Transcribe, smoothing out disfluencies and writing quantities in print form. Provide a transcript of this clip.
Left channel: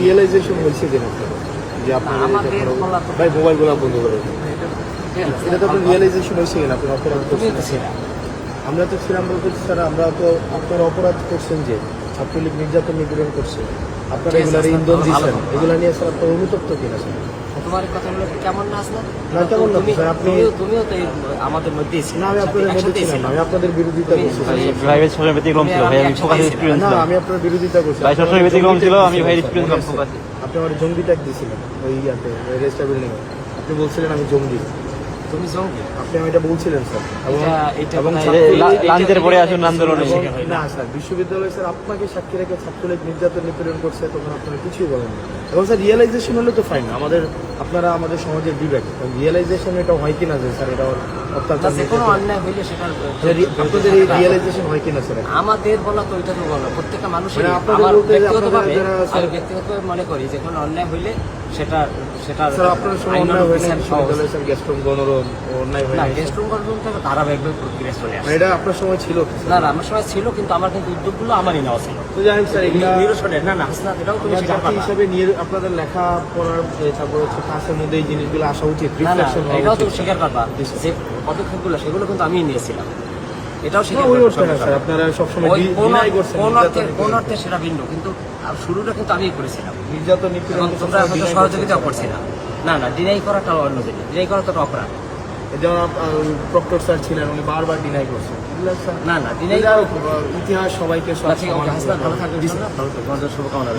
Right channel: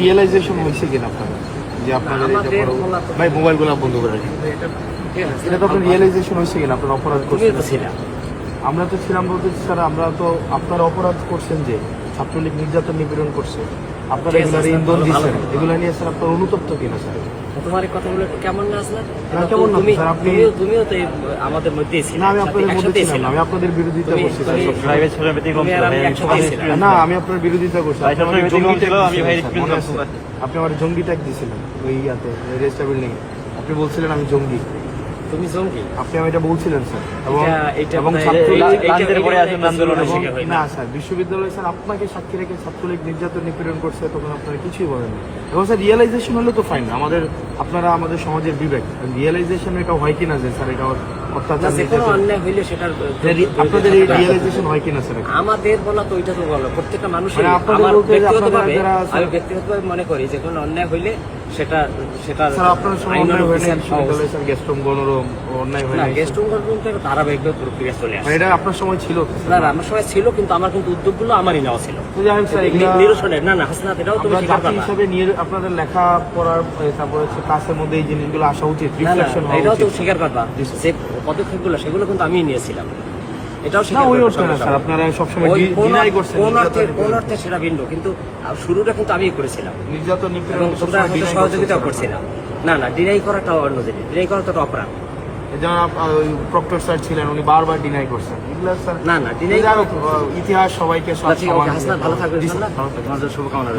Realisation হয়েছে কিনা আপনার যে আপনাদের ভাই মোবাইলগুলো বন্ধ করে এটা তো রিয়েলাইজেশন হয়েছে কিনা আপনার অপরাধ করছেন? আমরা তো ছিলাম বলতে স্যার, আমরা তো আপনার অপরাধ করছেন যে ছাত্রলীগ নির্যাতন নিপীড়ন করছে, আপনারা এগুলার ইন্ধন দিচ্ছেন, এগুলা নিয়ে স্যার আপনার অনুতপ্ত কিনা স্যার? তোমার এই কথাগুলো কেমন না আসলে? না কেমন না স্যার, আপনি তুমিও তো আমাদের মধ্যে না, আমি আপনাদের মধ্যে ছিলাম না, আমি আপনাদের বিরোধিতা করছি স্যার। না, আমি আপনার বিরোধিতা করছি। আপনি আমার জঙ্গি ট্যাগ দিয়েছিলেন ওই ইয়াতে রেস্টা বিল্ডিং এ, আপনি বলছিলেন আমি জঙ্গি। তুমি জঙ্গি? আপনি আমি এটা বলছিলেন স্যার। এবং না স্যার, বিশ্ববিদ্যালয় স্যার আপনাকে সাক্ষী রেখে ছাত্রলীগ নির্যাতন নিপীড়ন করছে, তখন আপনারা কিছুই বলেন না। এবং স্যার রিয়েলাইজেশন হলে তো ফাইন, আপনারা আমাদের সমাজের বিবেক, রিয়েলাইজেশন এটা হয় কিনা যে স্যার এটা অত্যাচার, কোনো অন্যায় হইলে সেটা আপনাদের এই রিয়েলাইজেশন হয় কিনা স্যার? আমাদের বলা তো ওইটা তো বলো, প্রত্যেকটা মানুষের ব্যক্তিগতভাবে মনে করি যে কোনো অন্যায় হইলে সেটা স্যার আপনার সময় অন্যায় হয় না বিশ্ববিদ্যালয় স্যার, গেস্টরুম গণরুম অন্যায় হয় না? গেস্টরুম গণরুমটা ধারাবাহিকভাবে প্রক্রিয়া চলে আসে। এটা আপনার সময় ছিল? না, আমার সময় ছিল, কিন্তু আমার কিন্তু উদ্যোগগুলো আমারই নেওয়া ছিল। তো জানেন স্যার নিরসনের না হাসনাত, এটাও তুমি জাতি হিসাবে আপনাদের লেখা পড়ার তারপরে হচ্ছে ক্লাসের মধ্যে এই জিনিসগুলো আসা উচিত, রিফ্লেকশন হওয়া এটাও উচিত। তুমি স্বীকার করবা যে পদক্ষেপগুলো সেগুলো কিন্তু আমি নিয়েছিলাম, এটাও না ওই অর্থে না স্যার, আপনারা সবসময় ডিনাই করছেন। কোন অর্থে সেটা ভিন্ন, কিন্তু শুরুটা কিন্তু আমিই করেছিলাম। নির্যাতন নিপীড়ন তোমরা সহযোগিতা করছিলাম। না, ডিনাই করাটা অন্য জিনিস, ডিনাই করা তো অপরাধ। যারা ওই প্রক্টর স্যার ছিলেন উনি বারবার ডিনাই করছেন। না, ডিনাই ইতিহাস সবাইকে ভালো থাকবে, তোমাদের শুভকামনা।